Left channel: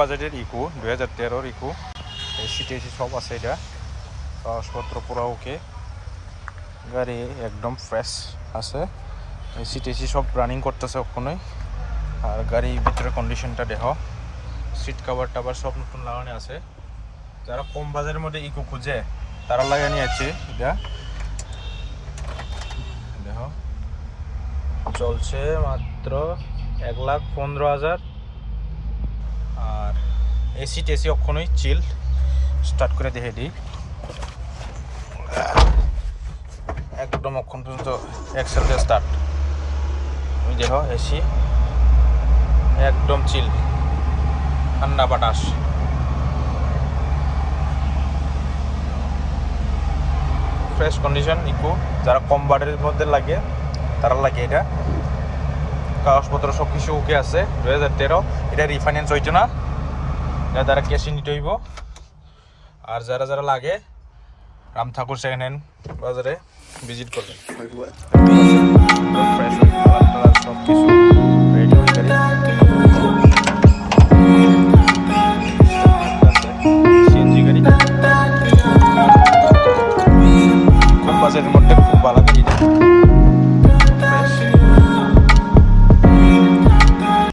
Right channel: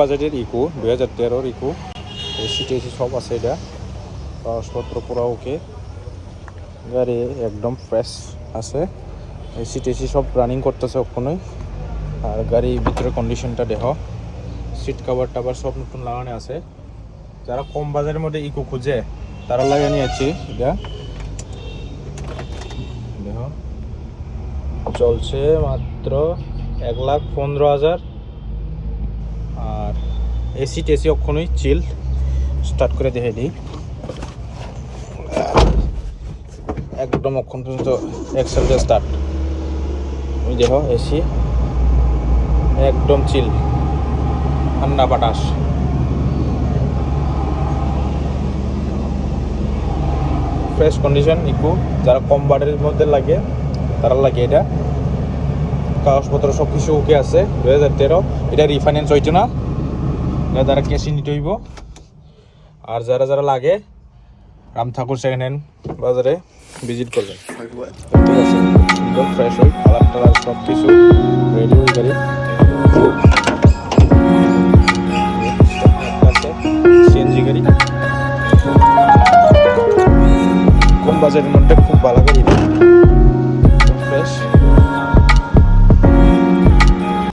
বাজেটের eco 2013-র eco. AC টেসি সব আছে, এটা কাগজপত্র পুরো ওকে, গাড়ি একদম ফ্রেশ আছে, এসি টেসি সব রানিং করতেছে ওখানে। আর গাড়ির ভিতরে কন্ডিশনটা দেখো, সিট কাভার টাভার সব নতুন লাগানো আছে। যারা কম বাজারের মধ্যে ইকো খুঁজে তারা লাগিয়ে নিয়েছে। এটা দেখো চলছে মাত্র 1,15,000। আর এসি টেসি ওখানেই চিল স্টার্ট করে দেখে দিই, একদম ওখান পর্যন্ত এক্সেল দিয়ে স্টার্ট। তুমি দেখো এসি একদম চিল, ঠান্ডা বাতাস। ফ্রেশ কন্ডিশন ইকো, যারা কম বাজেটের মধ্যে লাগে তারা লাগে এটা। কাগজপত্র সব কিছু ওকে আছে। 2013, এটা রিফাইন্যান্স হইতো না, এটা তারা ক্যাশে নিতে হইব। আর যারা যারা লাগে রাম ঠাকুর সেকেন্ড হ্যান্ড বাজারে ভিজিট করবেন। ফ্রেশ হয়, কালার টালার সব কিছু রেডি হয়ে গাড়ি। সিএনজি গাড়ি, কম বাজেটের মধ্যে